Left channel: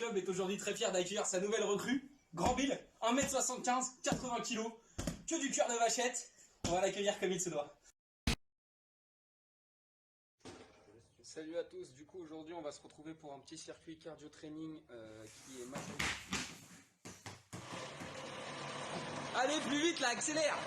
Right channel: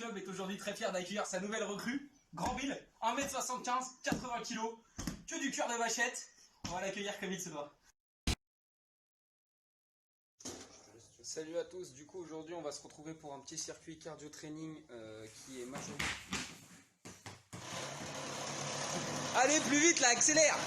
Club est aujourd'hui très fier d'accueillir sa nouvelle recrue, Grand Bill, 1m75, 80 kg, que du cœur de vachette. On va l'accueillir comme il se doit. Salut à tous, du coup aujourd'hui on va se retrouver pour un petit circuit cardio training qui est majeur. Allez plus vite là, accélère.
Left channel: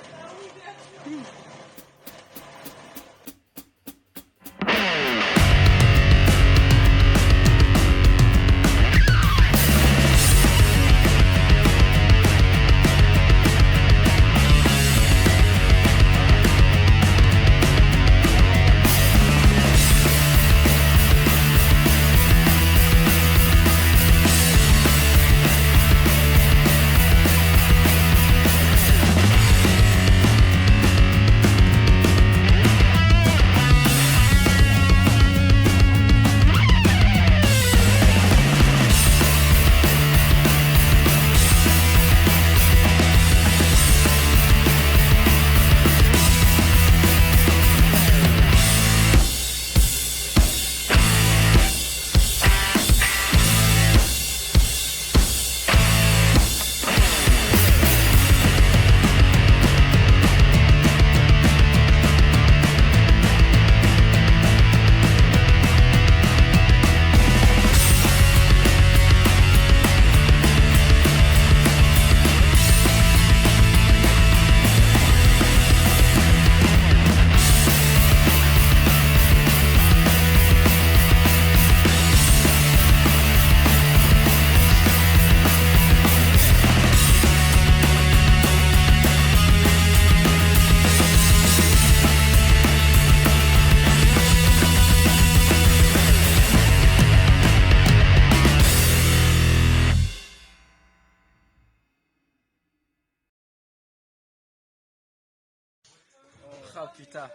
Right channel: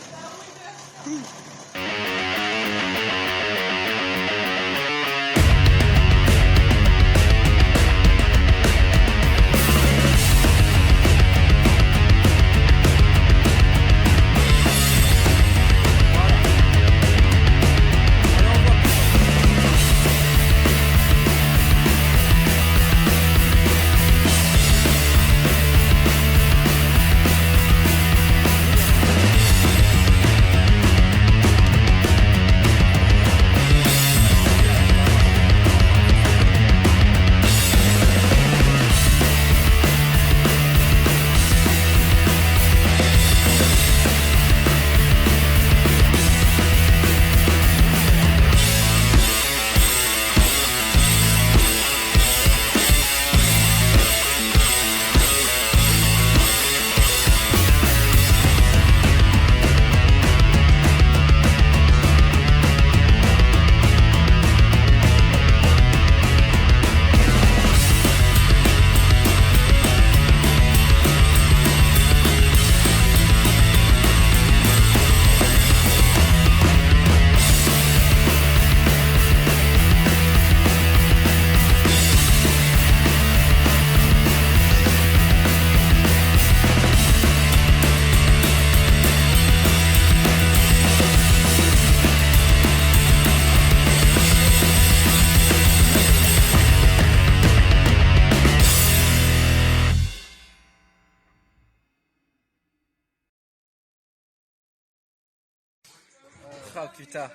Ah putain,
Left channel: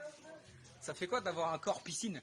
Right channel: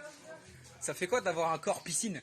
ça fait quoi d'avoir un corps piscine?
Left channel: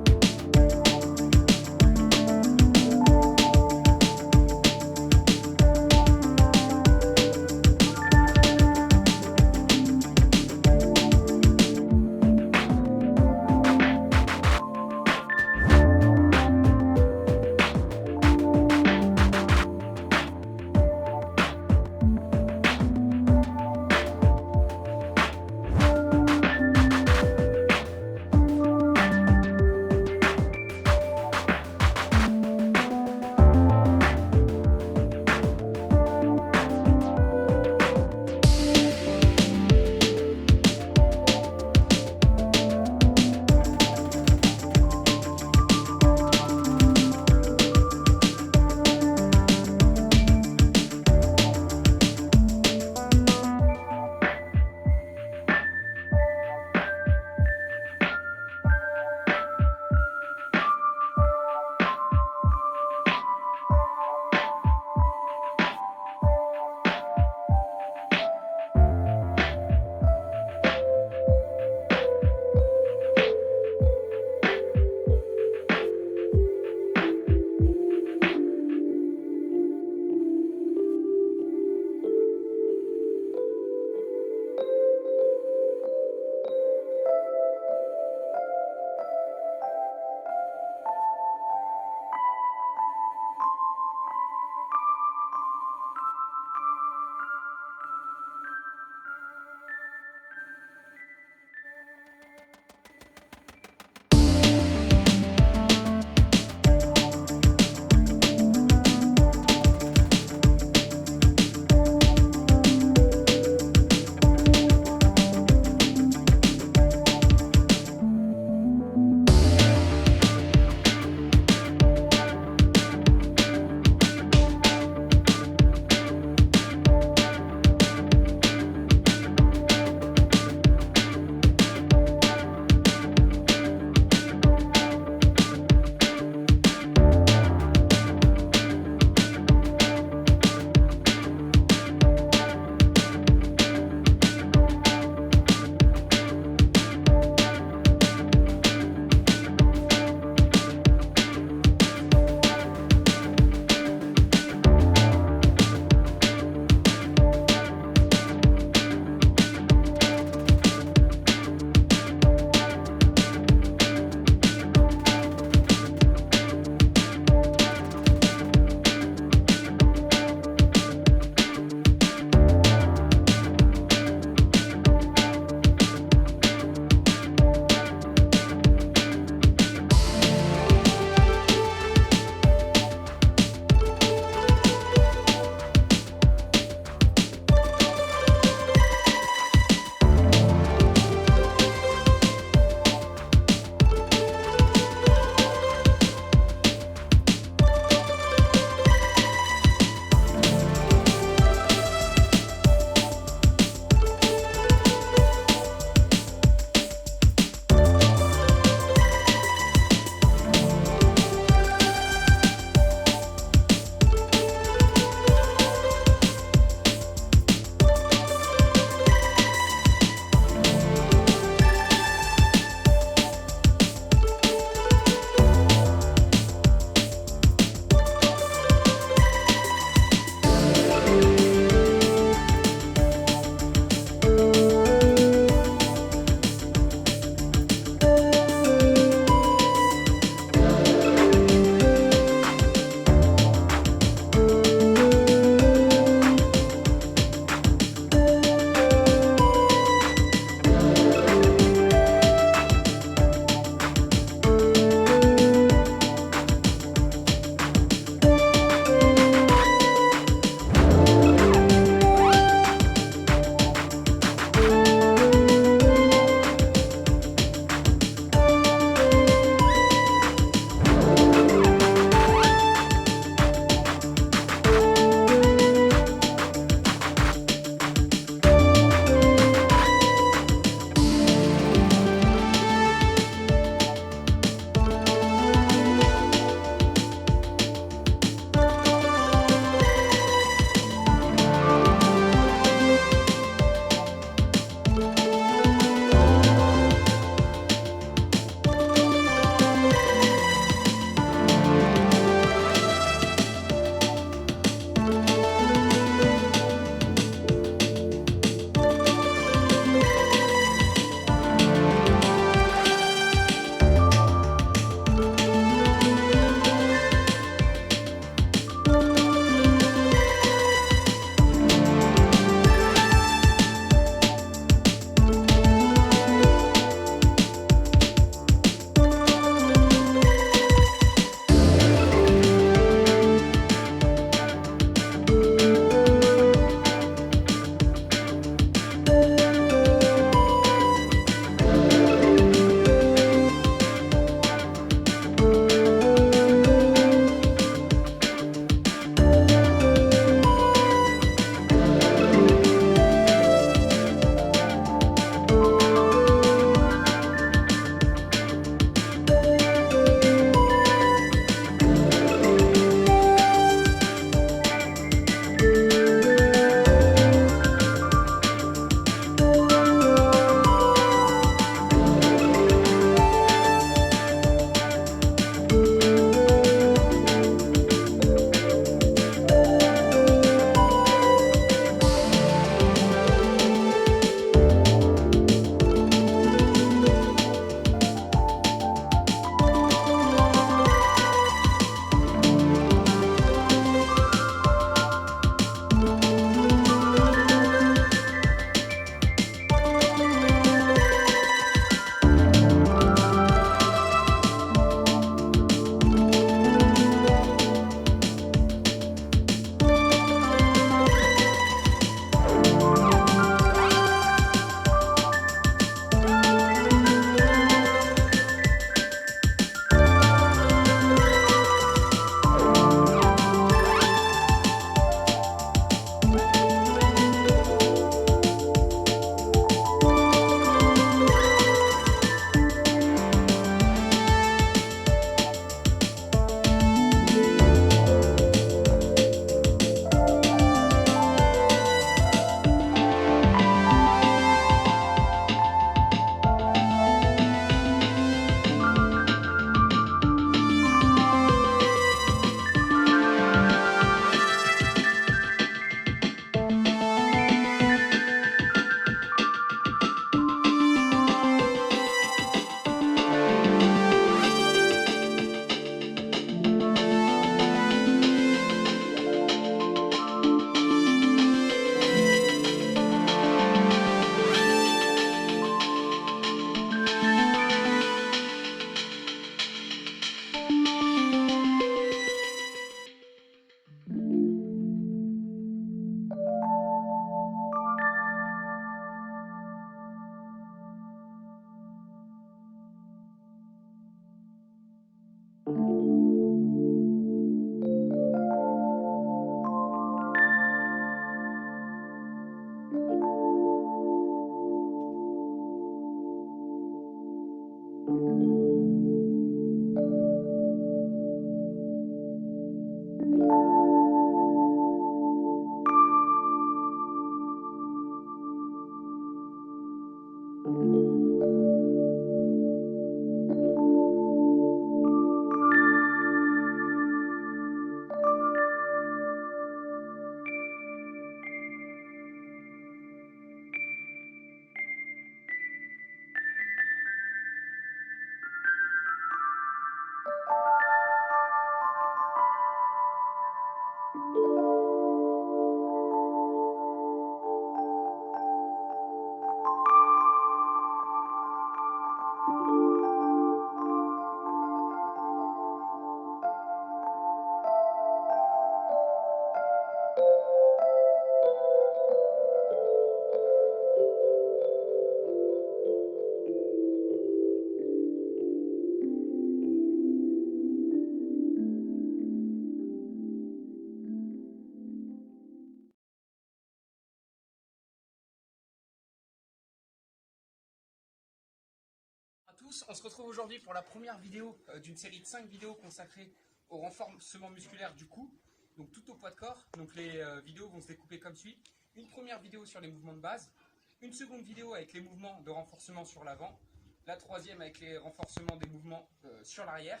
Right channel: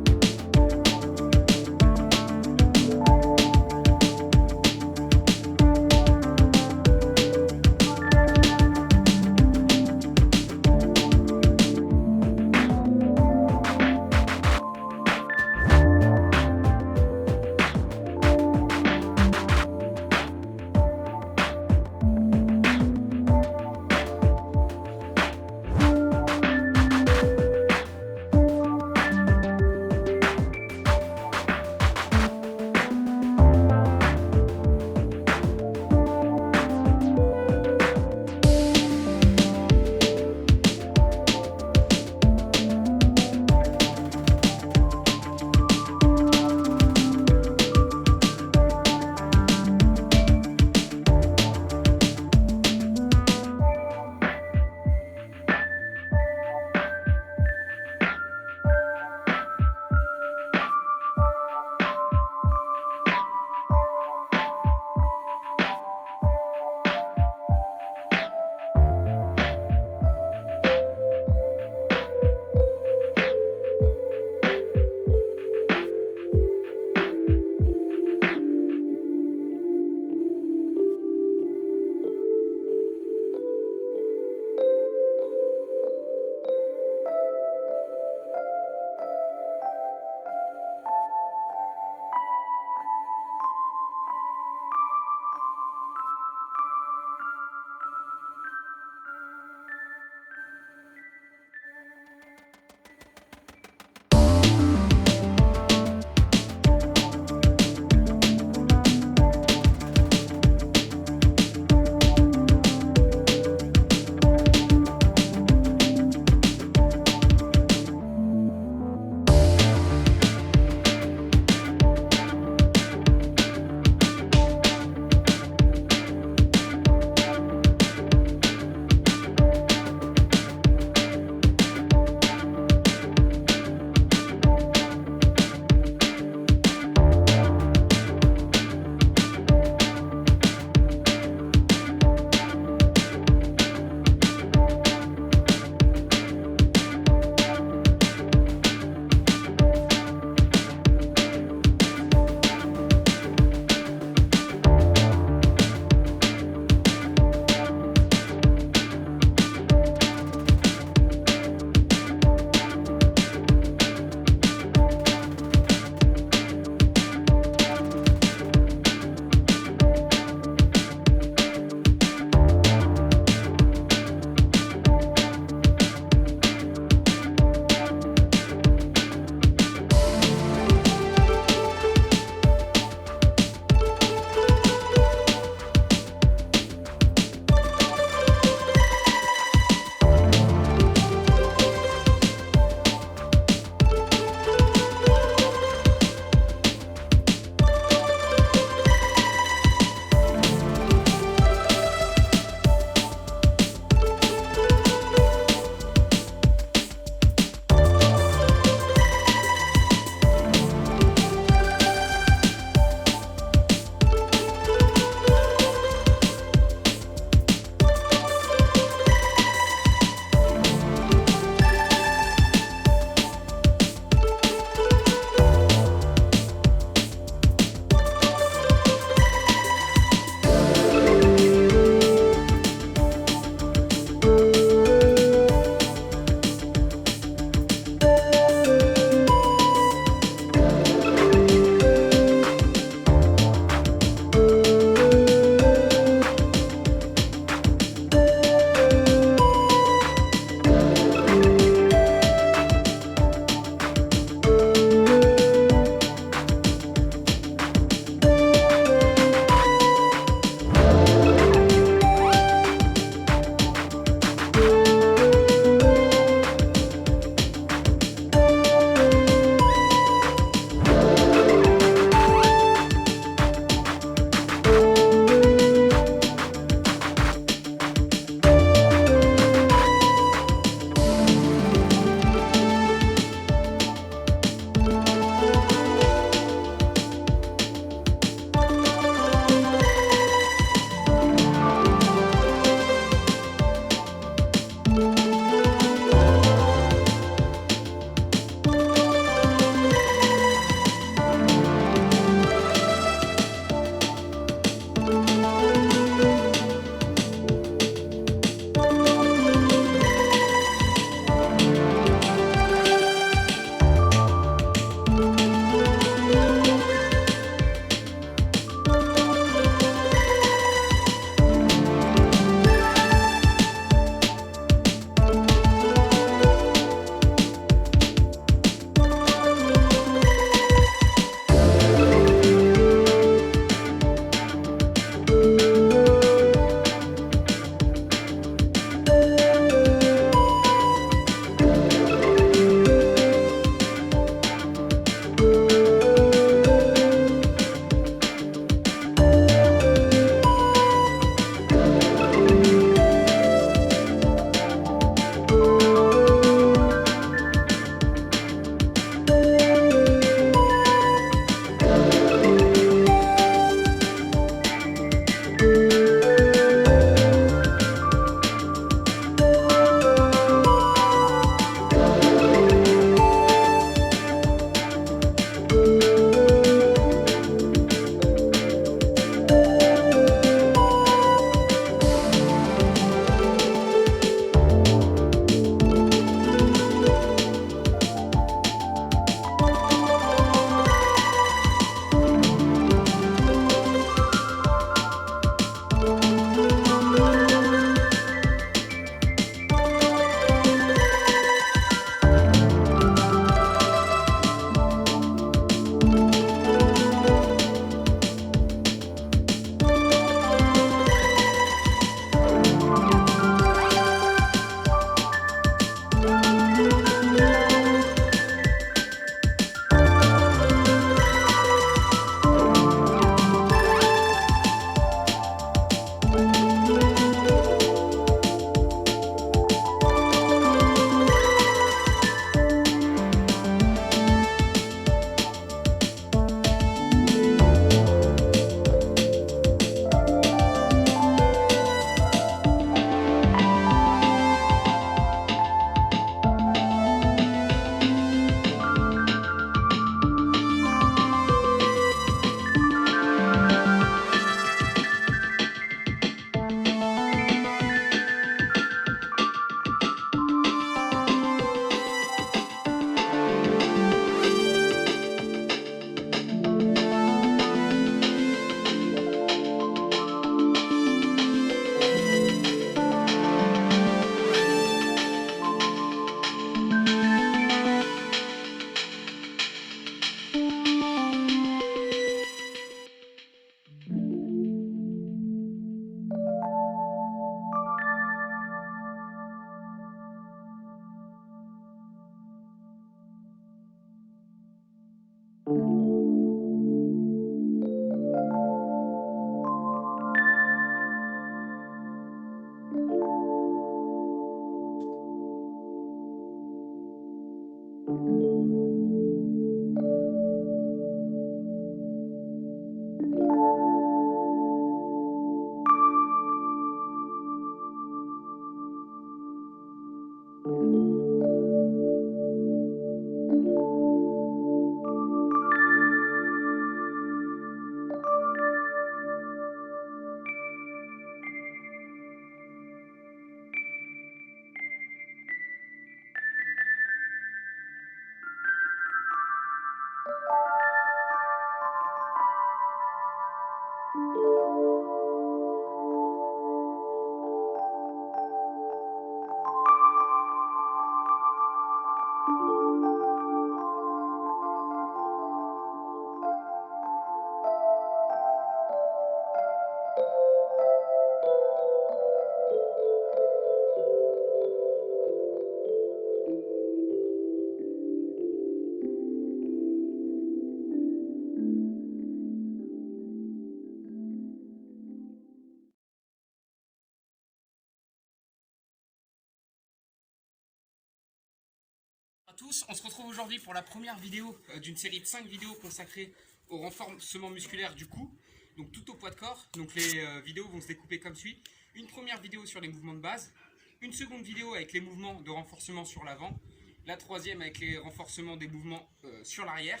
Tous, on se retrouve aujourd'hui pour la première vidéo d'une série de 5 vidéos consacrées au renforcement musculaire du cou, donc tout au poids de corps. Donc les vidéos vont se découper comme suit. Une première vidéo sur les mouvements de base, une seconde vidéo avec les mouvements de renforcement sur l'avant, la troisième avec les renforcements des mouvements sur l'arrière,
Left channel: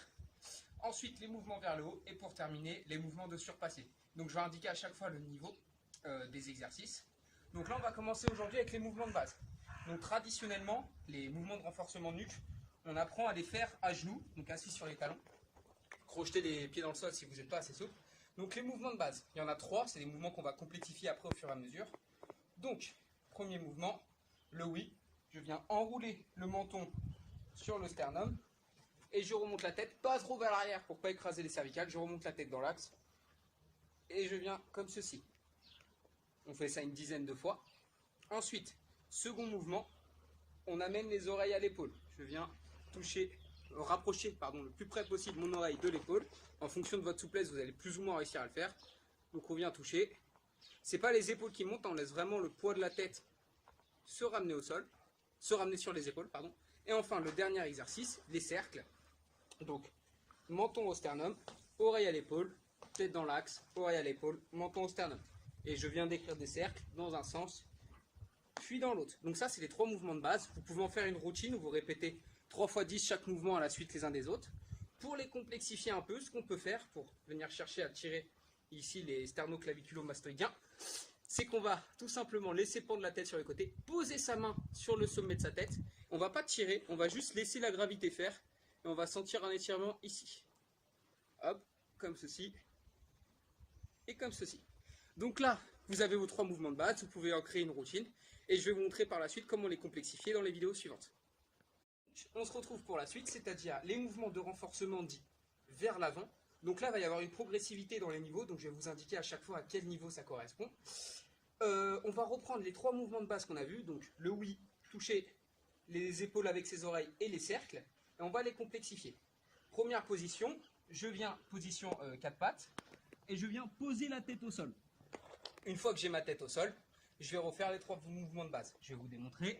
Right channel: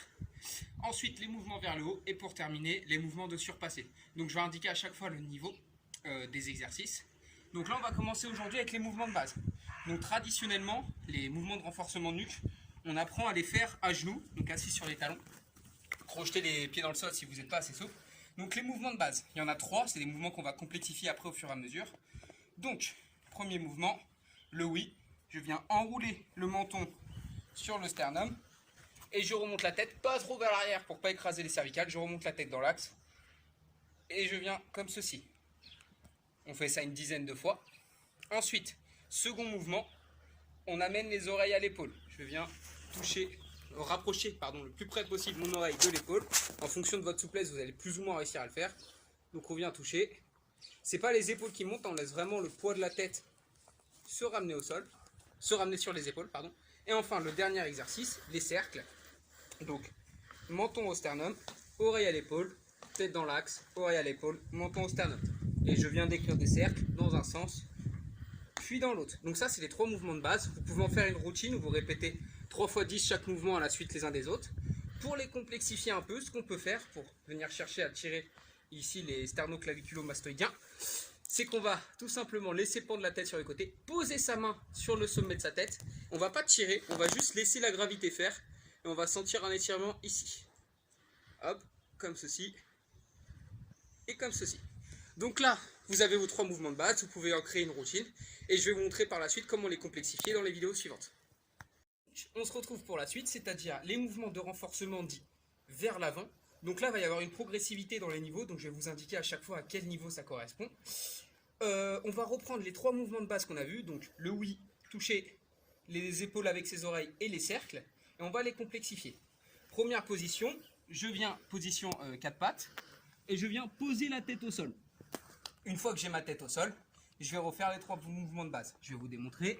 ensuite les mouvements vers le haut et pour terminer les mouvements de surpassé. Donc je vais indiquer à chaque fois le niveau des exercices. Donc là on va commencer aujourd'hui avec les mouvements de base. Donc traditionnellement, les mouvements de renforcement de nuque, on apprend à les faire à genoux, donc assis sur les talons. Crocheter les pieds dans le sol si vous n'êtes pas assez souple. Donc les mouvements de base, il y en a 3, c'est des mouvements qu'on va complexifier après au fur et à mesure. Donc, premier mouvement, le oui. Je viens enrouler le menton sur le sternum et je remonte la tête, pas trop vers l'arrière pour ne pas écraser les cervicales. Je remonte la tête dans l'axe et je viens comme ceci. On fait ça une dizaine de fois. Ensuite, second mouvement, on amène les oreilles à l'épaule. Je viens rapprocher le plus près possible mon oreille de l'épaule. En fonction de votre souplesse, vous allez plus ou moins réussir à le faire. Donc on vient toucher. C'est pas les épaules qui montent, on laisse vraiment le poids de la tête se ramener au sol, se ramener sur les épaules, pardon. Et enfin, le dernier exercice, les cercles. Donc, menton au sternum, oreille à l'épaule, tête dans l'axe, oreille à l'épaule, menton au sternum. Et je viens d'écrire des cercles dans un sens, puis dans l'autre. Donc ça, c'est les 3 mouvements de base. Vous pouvez en faire une routine où vous répétez 3 fois 10 chaque mouvement à la suite les uns des autres. Pour les complexifier un peu, ce qu'on peut faire pour venir chercher à tirer ici les sternoclaviculo-mastoïdiens, c'est qu'on va tout simplement laisser pendre la tête sur les côtés, poser sa main sur le sommet de sa tête. On ne va pas tirer, on va juste laisser la gravité faire et on va sentir un étirement ici. Hop, comme ceci et comme ceci. Donc là, vous avez vos 3 mouvements de base, vous pouvez en créer une routine et je vais vous montrer par la suite comment les complexifier dans les vidéos suivantes. On se retrouve pour la suite, c'est-à-dire les mouvements de renforcement dits vers l'avant. Donc là, il va y avoir une progressivité dans les niveaux, donc je vais vous indiquer à chaque fois à quel niveau ça correspond. On va reprendre les 3 mouvements de base qu'on a vus, donc le oui, toucher les épaules avec ses oreilles et les cercles, et on va les complexifier. Première position, je viens position 4 pattes, et je viens poser la tête au sol. Une fois que j'ai ma tête au sol, je vais refaire les 3 mouvements de base. Je vais vous démontrer.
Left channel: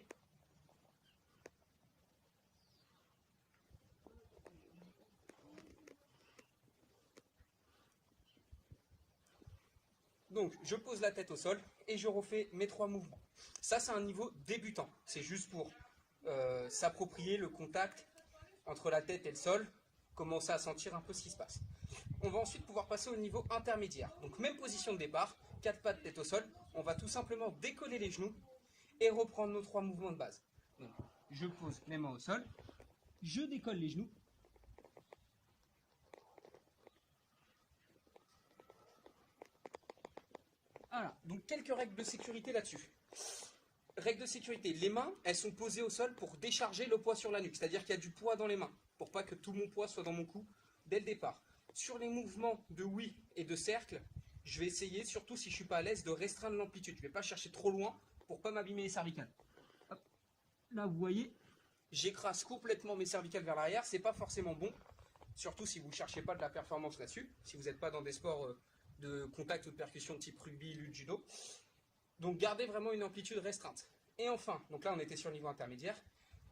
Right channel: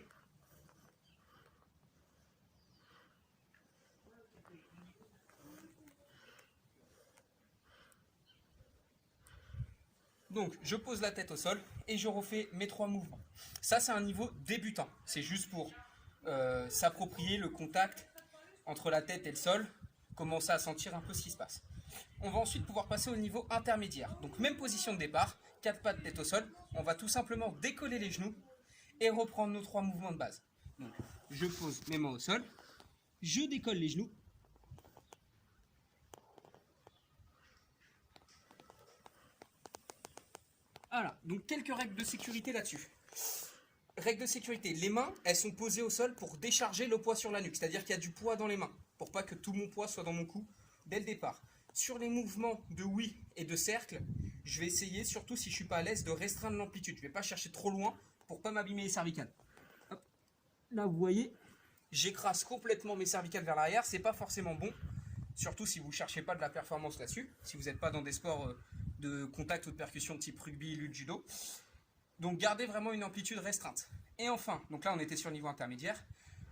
Donc, je pose la tête au sol et je refais mes 3 mouvements. Ça, c'est un niveau débutant. C'est juste pour s'approprier le contact entre la tête et le sol, commencer à sentir un peu ce qui se passe. On va ensuite pouvoir passer au niveau intermédiaire. Donc, même position de départ, 4 pattes, tête au sol. On va tout simplement décoller les genoux et reprendre nos 3 mouvements de base. Donc, je pose mes mains au sol, je décolle les genoux. Voilà, donc quelques règles de sécurité là-dessus. Règle de sécurité, les mains, elles sont posées au sol pour décharger le poids sur la nuque, c'est-à-dire qu'il y a du poids dans les mains, pour pas que tout mon poids soit dans mon cou dès le départ. Sur les mouvements de oui et de cercle, je vais essayer, surtout si je ne suis pas à l'aise, de restreindre l'amplitude. Je ne vais pas chercher trop loin pour pas m'abîmer les cervicales. Hop. Là, vous voyez, j'écrase complètement mes cervicales vers l'arrière, c'est pas forcément bon, surtout si vous ne cherchez pas de la performance là-dessus, si vous n'êtes pas dans des sports de contact ou de percussion type rugby, lutte, judo. Donc gardez vraiment une amplitude restreinte. Et enfin, donc là on était sur le niveau intermédiaire,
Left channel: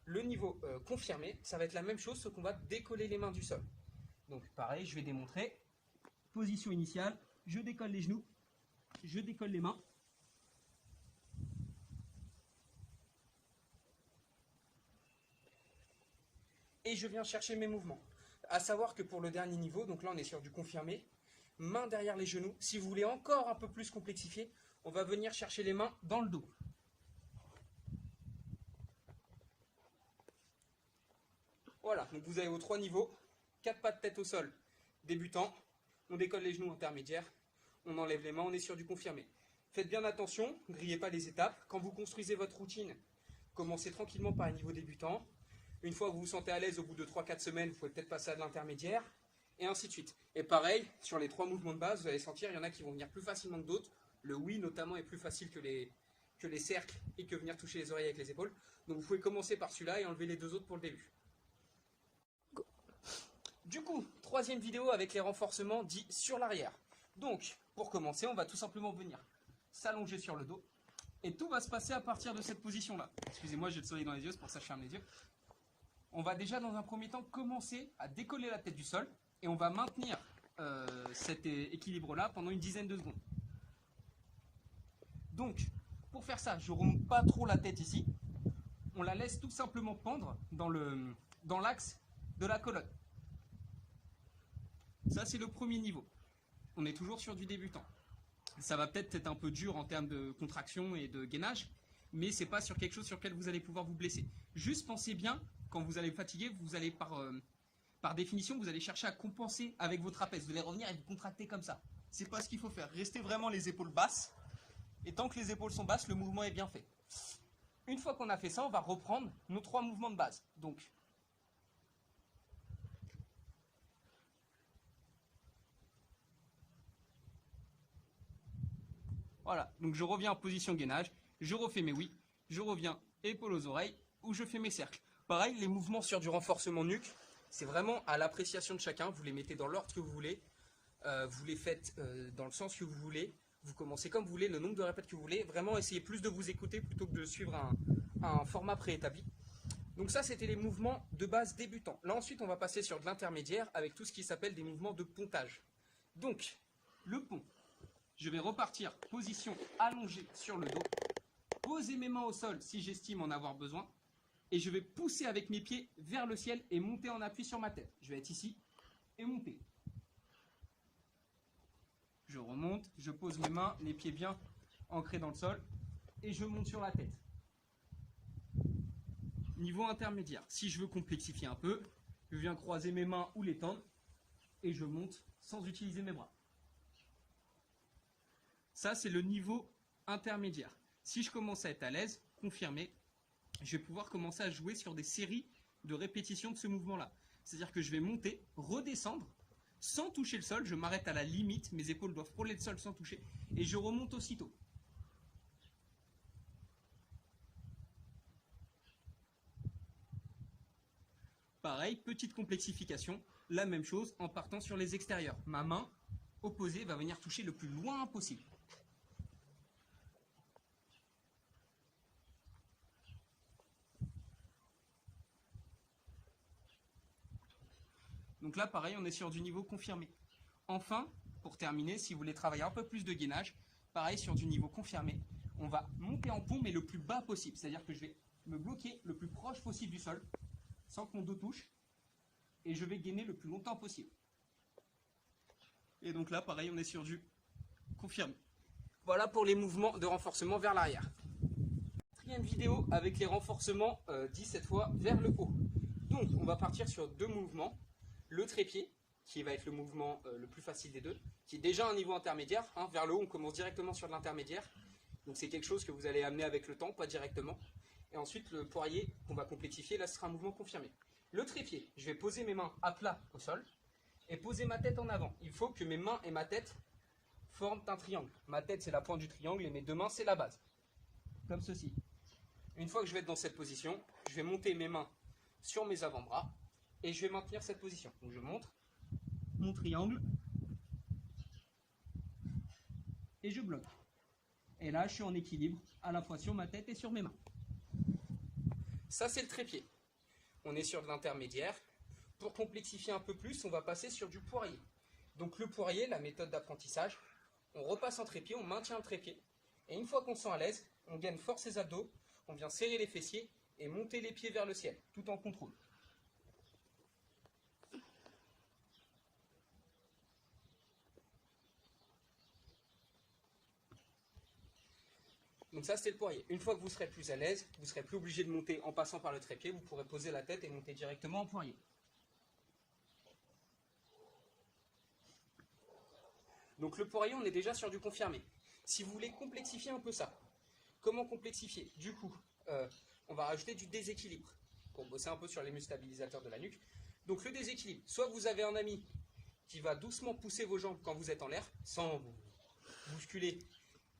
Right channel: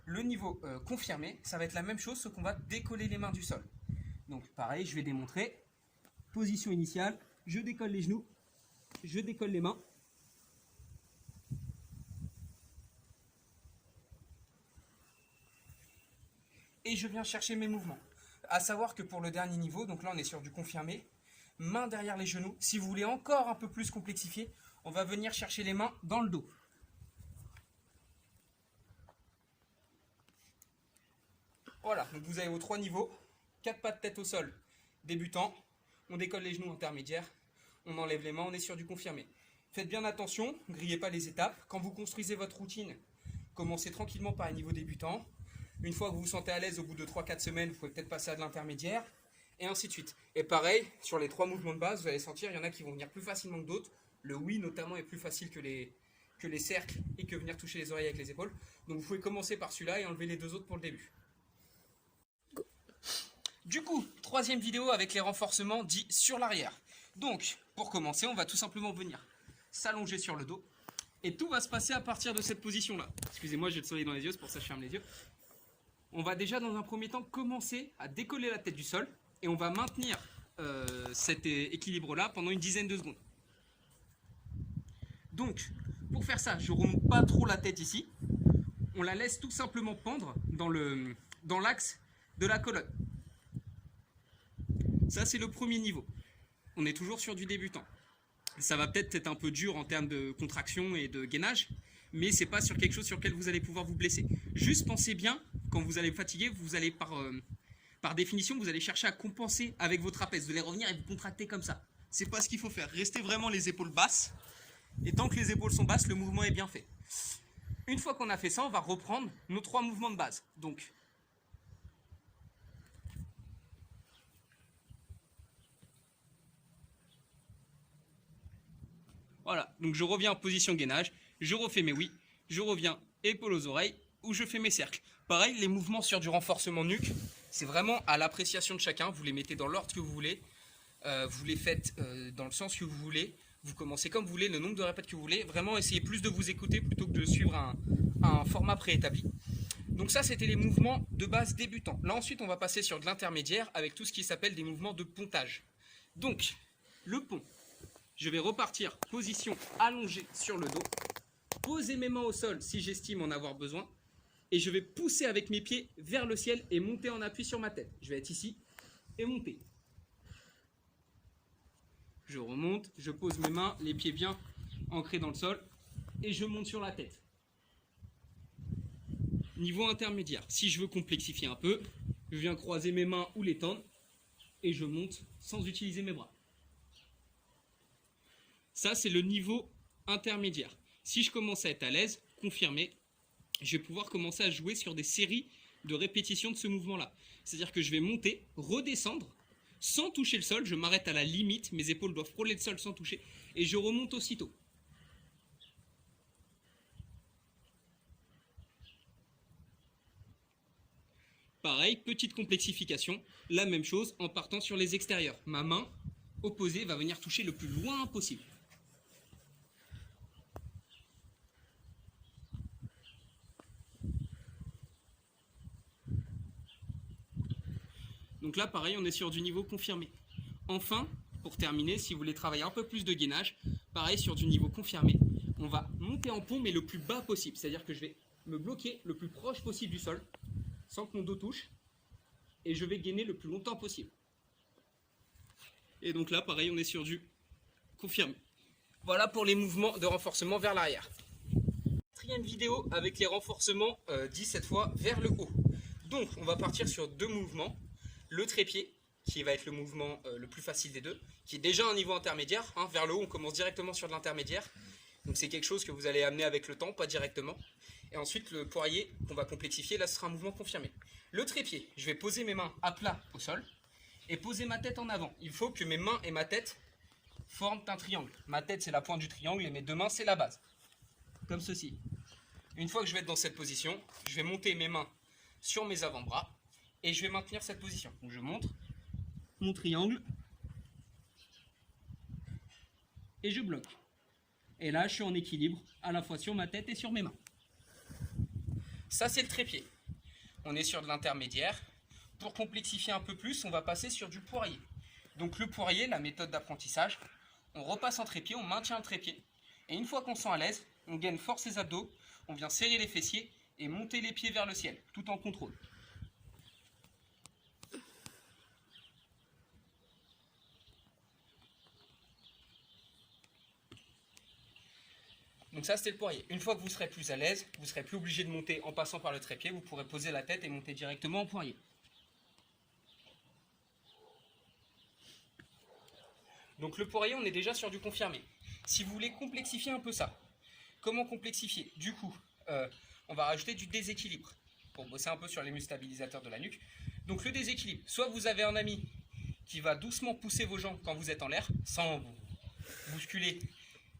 le niveau confirmé, ça va être la même chose, sauf qu'on va décoller les mains du sol. Donc pareil, je vais démontrer. Position initiale, je décolle les genoux, je décolle les mains. et je viens chercher mes mouvements. À savoir que pour le dernier niveau, donc là on est sur du confirmé, main derrière les genoux. Si vous voulez encore un peu plus complexifier, on va venir chercher les mains dans le dos. Voilà, donc vous avez vos 3 niveaux, 4 pas de tête au sol, débutant, on décolle les genoux intermédiaires, on enlève les mains, on est sur du confirmé. Faites bien attention, ne grillez pas les étapes. Quand vous construisez votre routine, commencez tranquillement par un niveau débutant. Une fois que vous vous sentez à l'aise au bout de 3-4 semaines, vous pouvez peut-être passer à de l'intermédiaire, et ainsi de suite. Et pareil, sur les 3 mouvements de base, vous allez sentir, il y en a qui vont venir plus facilement que d'autres. Le oui notamment est plus facile que les cercles et que venir toucher les oreilles avec les épaules. Donc vous pouvez commencer par celui-là et enlever les 2 autres pour le début. Du coup, 3e vidéo avec les renforcements dits sur l'arrière. Donc, pour commencer, on va tout simplement venir s'allonger sur le dos. Et tout va se passer à partir de cette position-là. Excusez-moi, j'ai le soleil dans les yeux, c'est pour ça que je ferme les yeux. On va déjà, dans un premier temps, commencer à décoller la tête du sol. Et on va maintenir cet équilibre-là pendant une dizaine de secondes. Donc, pour faire ça, je ne remonte pas trop la tête ici. On la laisse tout simplement pendre dans l'axe de la colonne. Ça, c'est le premier niveau. On est toujours sur du débutant. Ça va peut-être être un peu dur en termes de contraction et de gainage, mais c'est pas sur quelque chose sur lequel vous allez pouvoir vous blesser. Juste pensez bien, quand vous allez fatiguer, vous allez par définition, vous allez chercher à compenser avec vos trapèzes. Vous allez revenir et vous contracter comme ça. C'est pas ce qu'il faut faire. Restez vraiment les épaules basses. Et tant que les épaules sont basses, le mouvement est bien fait. Une fois qu'on a fait ça, on va reprendre nos 3 mouvements de base. Donc, voilà, donc je reviens en position gainage, je refais mes oui, je reviens épaules aux oreilles, ou je fais mes cercles. Pareil, les mouvements sur du renforcement nuque, c'est vraiment à l'appréciation de chacun, vous les mettez dans l'ordre que vous voulez, vous les faites dans le sens que vous voulez, vous commencez comme vous voulez, le nombre de répètes que vous voulez, vraiment essayez plus de vous écouter plutôt que de suivre un format préétabli. Donc ça, c'était les mouvements de base débutants. Là ensuite, on va passer sur de l'intermédiaire avec tout ce qui s'appelle des mouvements de pontage. Donc, le pont. Je vais repartir, position allongée sur le dos, poser mes mains au sol si j'estime en avoir besoin, et je vais pousser avec mes pieds vers le ciel et monter en appui sur ma tête. Je vais être ici et monter. Je remonte, je pose mes mains, les pieds bien ancrés dans le sol, et je monte sur la tête. Niveau intermédiaire, si je veux complexifier un peu, je viens croiser mes mains ou les tendre, et je monte sans utiliser mes bras. Ça, c'est le niveau intermédiaire. Si je commence à être à l'aise, confirmé, je vais pouvoir commencer à jouer sur des séries de répétitions de ce mouvement-là. C'est-à-dire que je vais monter, redescendre, sans toucher le sol, je m'arrête à la limite, mes épaules doivent frôler le sol sans toucher, et je remonte aussitôt. Pareil, petite complexification, la même chose en partant sur les extérieurs. Ma main opposée va venir toucher le plus loin possible. Donc là, pareil, on est sur du niveau confirmé. Enfin, pour terminer, si vous voulez travailler un peu plus de gainage, pareil, sur du niveau confirmé, on va monter en pont, mais le plus bas possible. C'est-à-dire que je vais me bloquer le plus proche possible du sol, sans que mon dos touche, et je vais gainer le plus longtemps possible. Et donc là, pareil, on est sur du confirmé. Voilà pour les mouvements de renforcement vers l'arrière. 4e vidéo avec les renforcements dits cette fois vers le haut. Donc, on va partir sur 2 mouvements. Le trépied, qui va être le mouvement le plus facile des deux, qui est déjà un niveau intermédiaire. Hein, vers le haut, on commence directement sur de l'intermédiaire. Donc c'est quelque chose que vous allez amener avec le temps, pas directement. Et ensuite, le poirier, qu'on va complexifier, là ce sera un mouvement confirmé. Le trépied, je vais poser mes mains à plat au sol et poser ma tête en avant. Il faut que mes mains et ma tête forment un triangle. Ma tête, c'est la pointe du triangle et mes 2 mains, c'est la base. Comme ceci. Une fois que je vais être dans cette position, je vais monter mes mains sur mes avant-bras. Et je vais maintenir cette position. Donc je montre mon triangle et je bloque. Et là, je suis en équilibre à la fois sur ma tête et sur mes mains. Ça, c'est le trépied. On est sur de l'intermédiaire. Pour complexifier un peu plus, on va passer sur du poirier. Donc le poirier, la méthode d'apprentissage, on repasse en trépied, on maintient le trépied. Et une fois qu'on se sent à l'aise, on gaine force les abdos, on vient serrer les fessiers et monter les pieds vers le ciel, tout en contrôle. Donc ça, c'était le poirier. Une fois que vous serez plus à l'aise, vous ne serez plus obligé de monter en passant par le trépied, vous pourrez poser la tête et monter directement en poirier. Donc le poirier, on est déjà sur du confirmé. Si vous voulez complexifier un peu ça, comment complexifier? Du coup, on va rajouter du déséquilibre pour bosser un peu sur les muscles stabilisateurs de la nuque. Donc le déséquilibre, soit vous avez un ami qui va doucement pousser vos jambes quand vous êtes en l'air, sans vous bousculer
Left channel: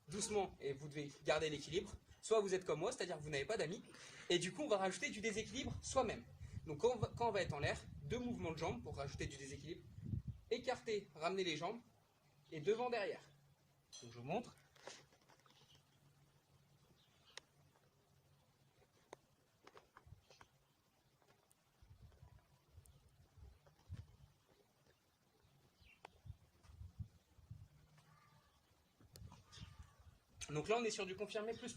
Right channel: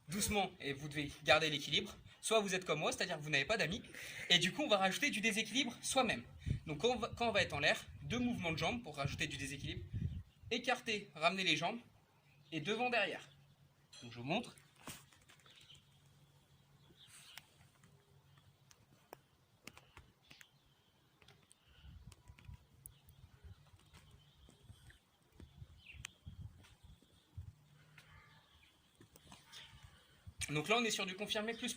doucement et vous devez garder l'équilibre, soit vous êtes comme moi, c'est-à-dire que vous n'avez pas d'amis, et du coup on va rajouter du déséquilibre soi-même. Donc quand on va être en l'air, 2 mouvements de jambes pour rajouter du déséquilibre, écarter, ramener les jambes, et devant derrière. Donc je vous montre. Donc là on est sur du confirmé plus.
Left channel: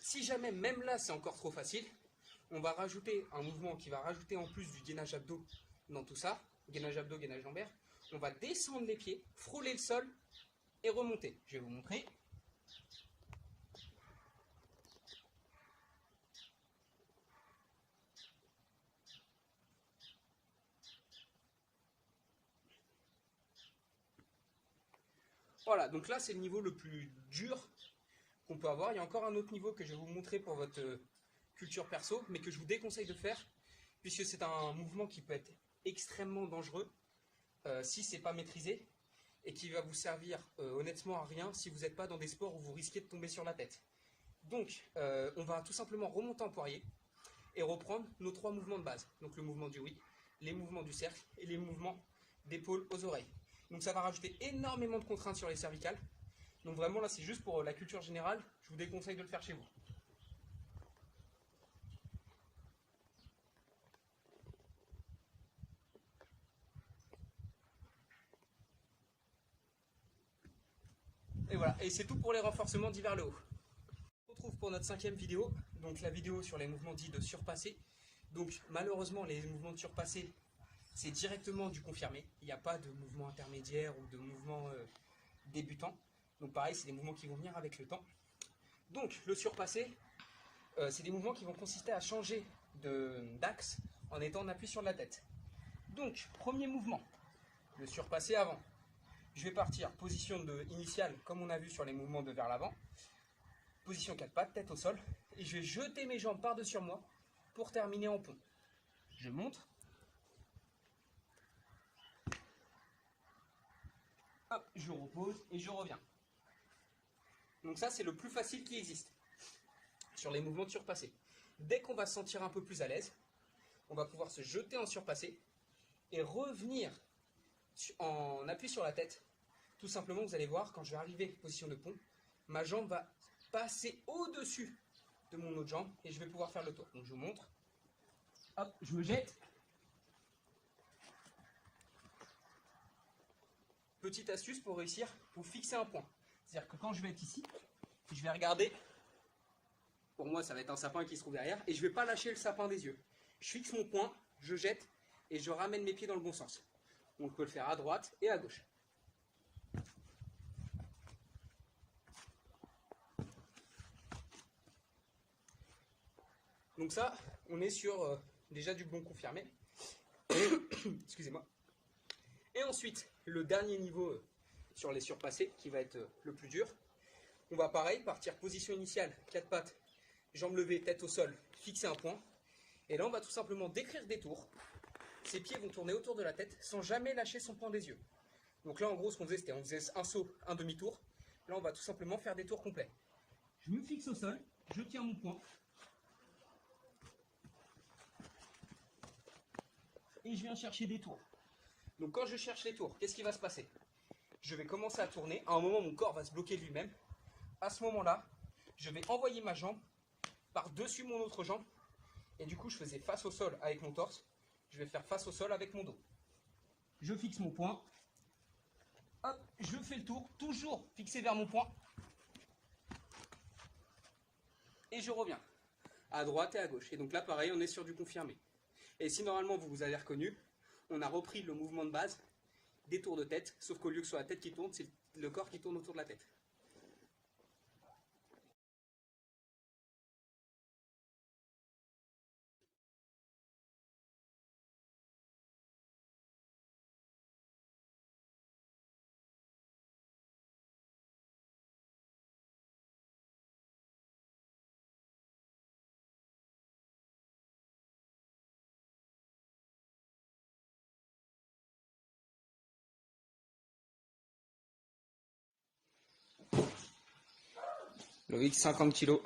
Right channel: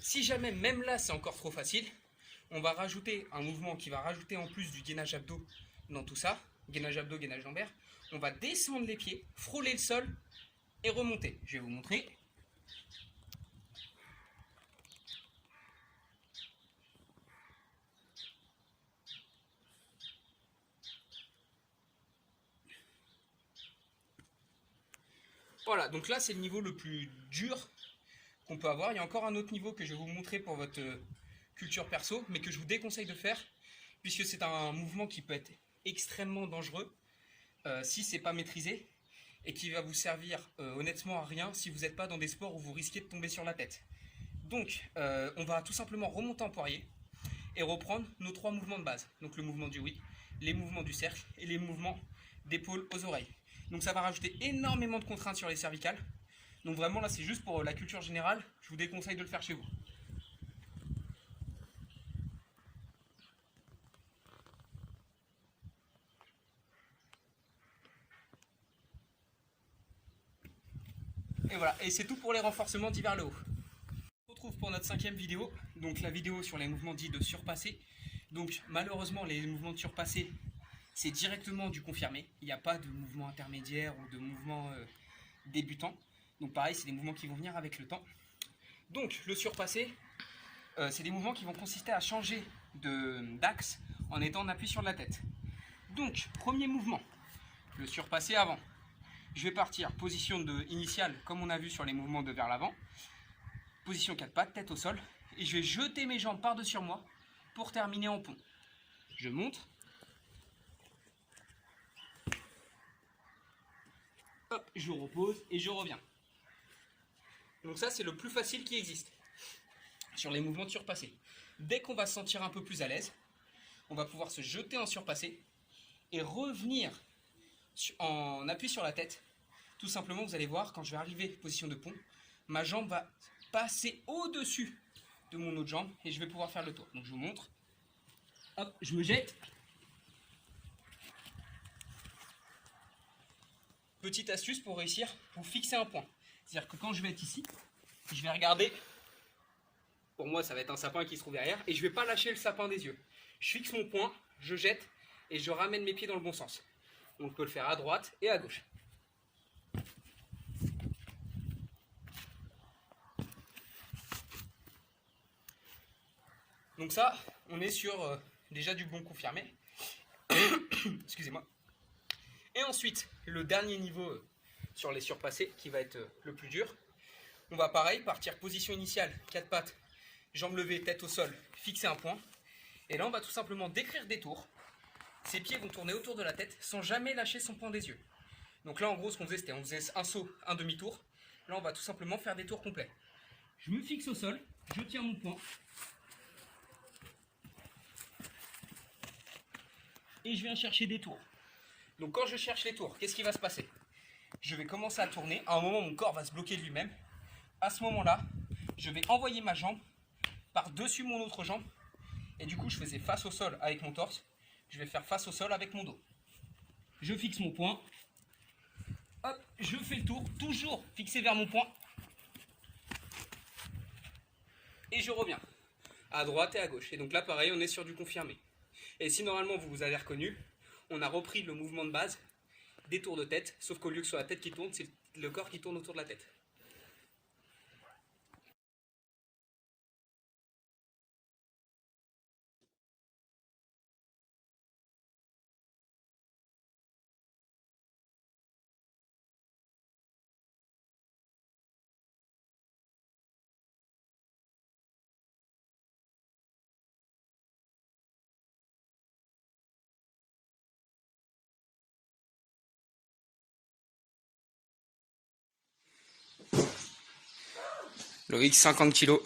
Si jamais même là c'est encore trop facile, on va rajouter un mouvement qui va rajouter en plus du gainage abdos dans tout ça, gainage abdos, gainage lombaire. On va descendre les pieds, frôler le sol et remonter. Je vais vous montrer. Voilà, donc là c'est le niveau le plus dur qu'on peut avoir. Il y a encore un autre niveau que je vais vous montrer pour votre culture perso, mais que je vous déconseille de faire, puisque c'est un mouvement qui peut être extrêmement dangereux si c'est pas maîtrisé, et qui va vous servir honnêtement à rien si vous n'êtes pas dans des sports où vous risquez de tomber sur la tête. Donc on va tout simplement remonter en poirier et reprendre nos 3 mouvements de base. Donc le mouvement du oui, les mouvements du cercle et les mouvements d'épaule aux oreilles. Donc ça va rajouter énormément de contraintes sur les cervicales. Donc vraiment là c'est juste pour la culture générale, je vous déconseille de le faire chez vous. Et voilà, et c'est tout pour les renforcements dits vers le haut. On se retrouve pour notre 5e vidéo, donc la vidéo sur les mouvements dits de surpassé. Donc malheureusement les mouvements de surpassé, c'est directement du confirmé. Il n'y a pas de mouvement intermédiaire ou de mouvement débutant. Donc pareil, c'est des mouvements qui vont venir avec le temps. Donc le surpassé, c'est des mouvements qui vont consister à changer d'axe en étant en appui sur la tête. Donc premier mouvement, le surpassé avant. Je vais partir position initiale comme on a vu sur les mouvements de vers l'avant. Position 4 pattes, tête au sol. Et je vais jeter mes jambes par-dessus moi pour terminer en pont. Je monte. Hop, je repose et je reviens. Donc ça c'est le plus facile qui existe sur les mouvements de surpassé. Dès qu'on va se sentir un peu plus à l'aise, on va pouvoir se jeter en surpassé et revenir en appui sur la tête. Tout simplement, vous allez voir, quand je vais arriver position de pont, ma jambe va passer au-dessus de mon autre jambe et je vais pouvoir faire le tour. Donc je vous montre. Hop, je me jette. Petite astuce pour réussir, vous fixez un point. C'est-à-dire que quand je vais être ici, je vais regarder. Pour moi, ça va être un sapin qui se trouve derrière. Et je ne vais pas lâcher le sapin des yeux. Je fixe mon point, je jette et je ramène mes pieds dans le bon sens. On peut le faire à droite et à gauche. Donc ça, on est sur déjà du bon confirmé. Excusez-moi. Et ensuite, le dernier niveau sur les surpassés, qui va être le plus dur. On va pareil, partir position initiale, 4 pattes, jambes levées, tête au sol, fixer un point. Et là, on va tout simplement décrire des tours. Ses pieds vont tourner autour de la tête sans jamais lâcher son point des yeux. Donc là, en gros, ce qu'on faisait, c'était on faisait un saut, un demi-tour. Là, on va tout simplement faire des tours complets. Je me fixe au sol, je tiens mon point. Et je viens chercher des tours. Donc quand je cherche les tours, qu'est-ce qui va se passer? Je vais commencer à tourner. À un moment, mon corps va se bloquer de lui-même. À ce moment-là, je vais envoyer ma jambe par-dessus mon autre jambe. Et du coup, je faisais face au sol avec mon torse. Je vais faire face au sol avec mon dos. Je fixe mon point. Hop, je fais le tour, toujours fixé vers mon point. Et je reviens à droite et à gauche. Et donc là, pareil, on est sur du confirmé. Et si normalement vous vous avez reconnu, on a repris le mouvement de base des tours de tête, sauf qu'au lieu que ce soit la tête qui tourne, c'est le corps qui tourne autour de la tête. Loïc, 50 kg.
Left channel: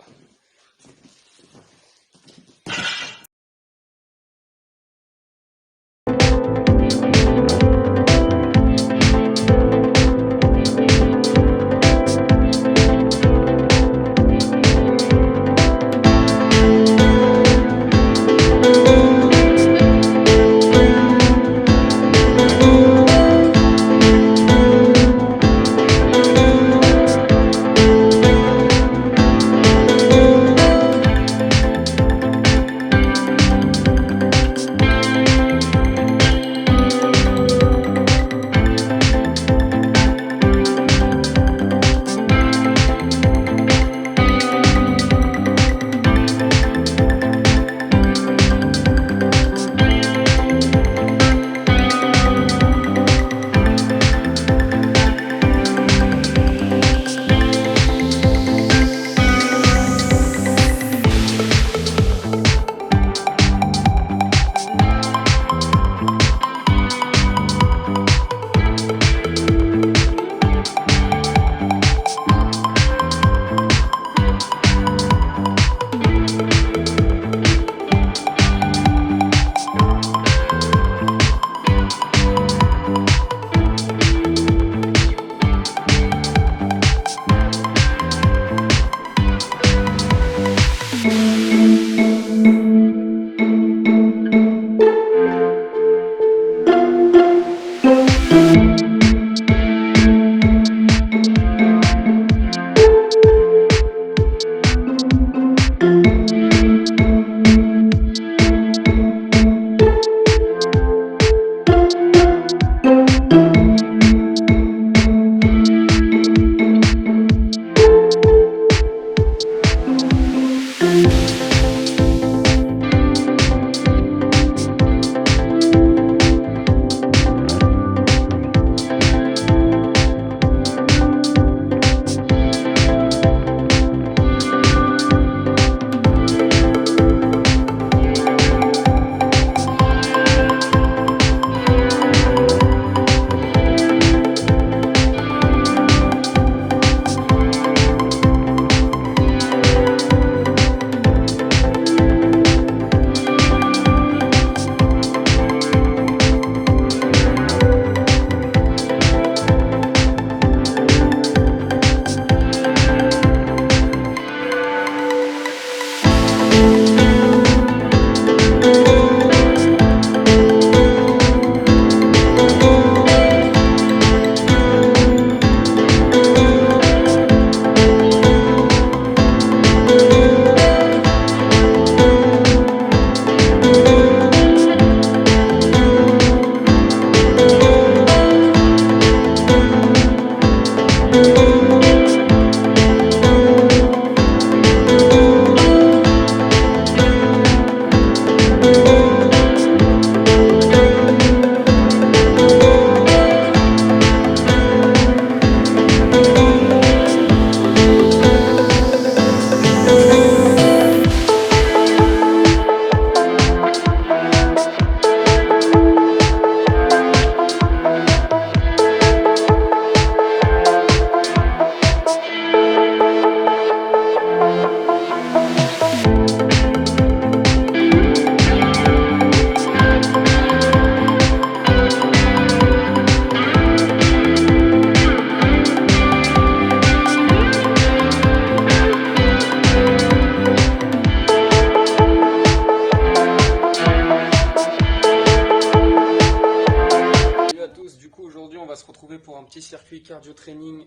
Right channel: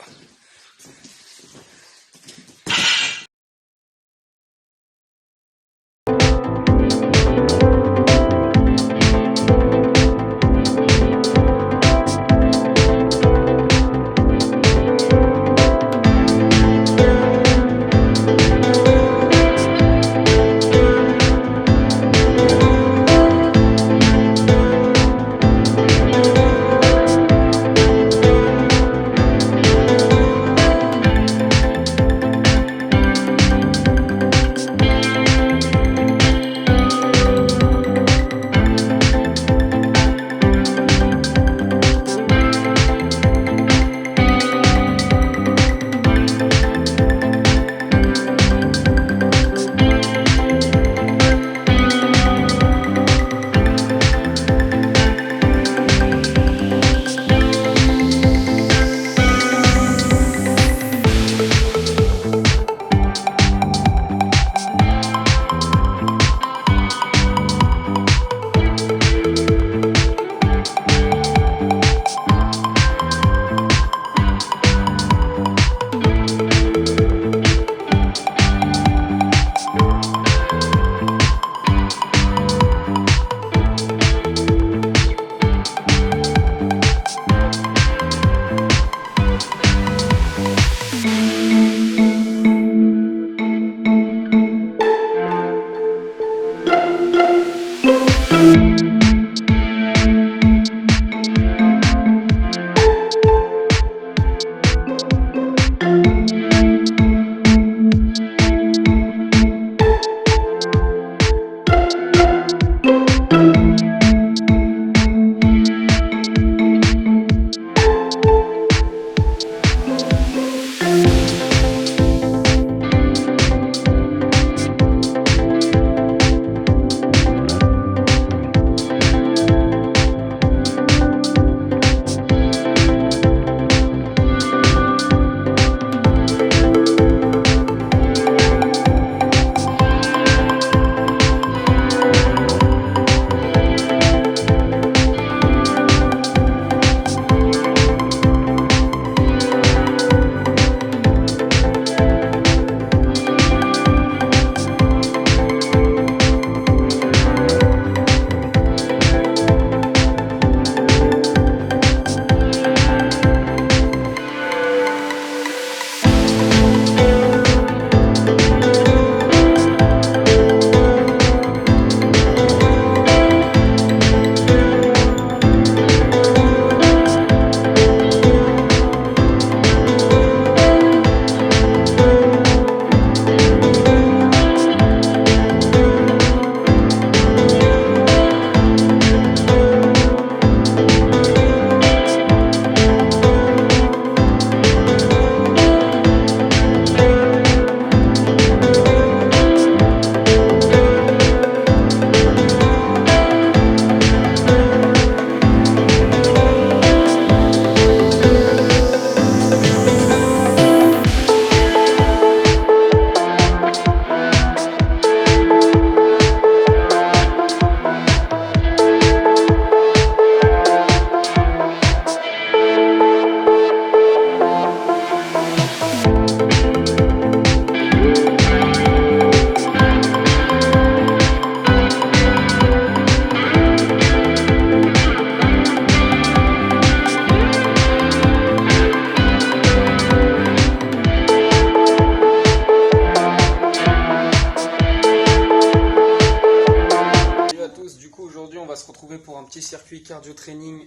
Pour un petit circuit cardio-training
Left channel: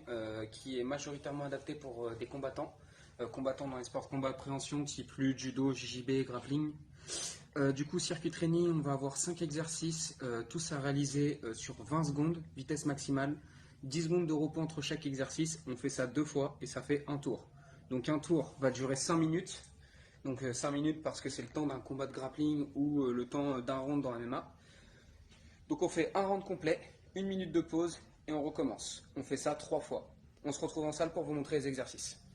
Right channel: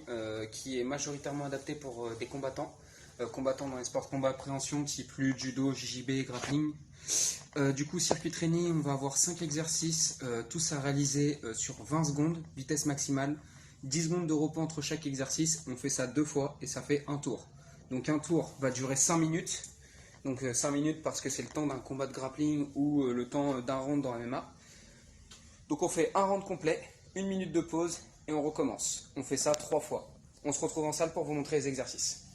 qui est majoritairement adapté pour des combattants, combattants dans les sports de combat préhension type lutte, judo, JJB, grappling. Du coup, circuit training, on va avoir 5 exercices, tous à réaliser sur 20 secondes, vitesse maximale, 10 secondes de repos entre chaque exercice. On fait ça 2 fois et ça fait un tour. Donc un tour va durer 5 minutes. Donc 5 minutes parce que c'est le temps d'un combat de grappling ou le temps d'un round dans MMA. Donc on fait un round complet, 1 minute de pause et on recommence. On fait ça 3 fois. On se retrouve en salle pour vous montrer les exercices.